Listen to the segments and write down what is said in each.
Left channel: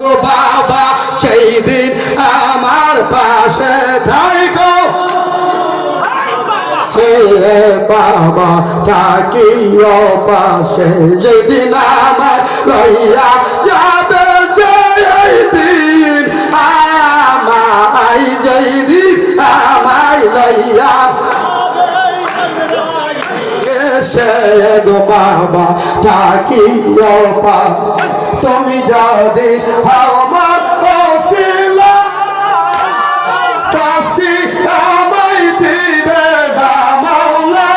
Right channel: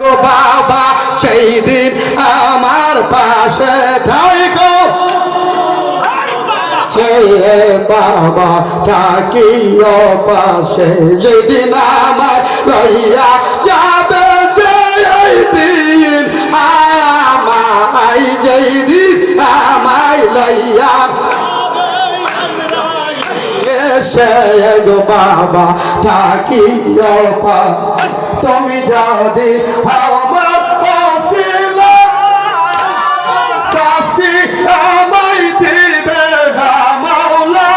গো বাবা সেই দিন আমার পাশে থাইকো সে বাবা থাকিও পাশে যেদিন আমার লইয়া যাবে সেই দিন আমায় যেদিন আমায় লইয়া সে গো বাবা থাকিও পাশে তুমি যদি আমার ওসিলা চাষি আমায় দিবে মাওলা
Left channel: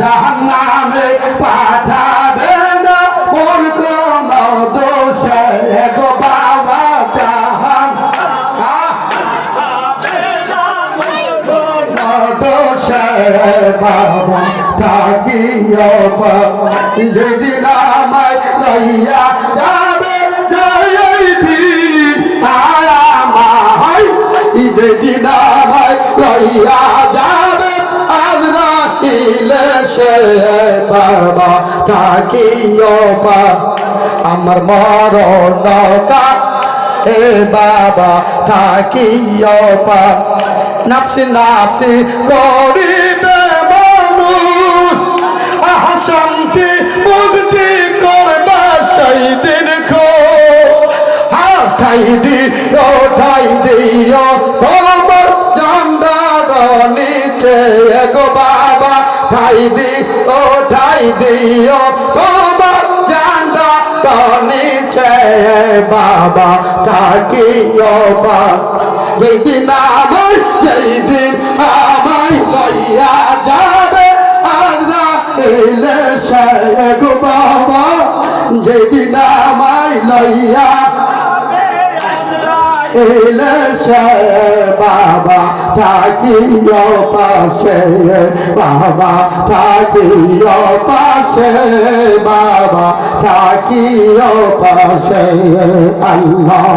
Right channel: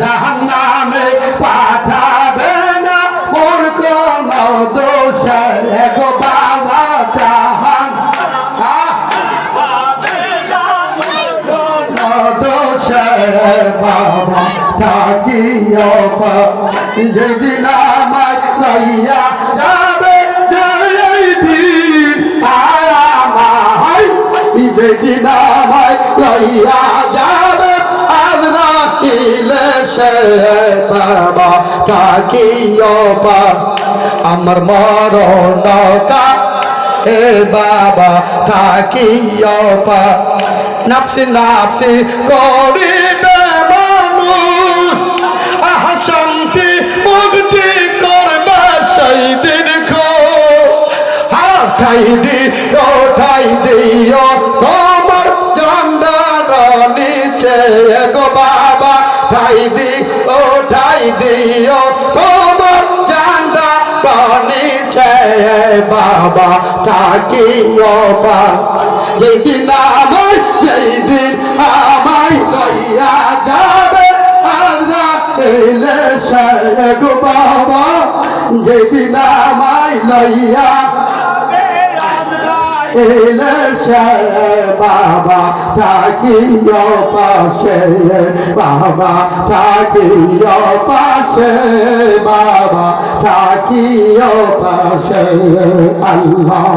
জাহান্নামে পাঠাবে না মোর কোনো দোষ গো বাবা জাহান দোষ বাবা থাকিও যেদিন আমায় লইয়া যাবে যেদিন আমায় যেদিন আমায় লইয়া যাবে আজ রাখিলে সে বাবা থাকিও আমার মরণ হে বাবা থাকিও নাফসি নাফসি করিবে শান্তি মুক্তি করবে সেই দিন খাই দি ওঠাই দিও তোমার ঝান্ডার নিচে গো বাবা খাই দি ওঠাই দিও তোমার ঝান্ডার নিচে বাবা থাকিও যেদিন আমায় যেদিন আমায় লইয়া যাবে গো বাবা যেদিন আমায় লইয়া এলে বাবা থাকিও পাশে বাবা থাকিও পাশে বাবা থাকিও পাশে আল্লাহ।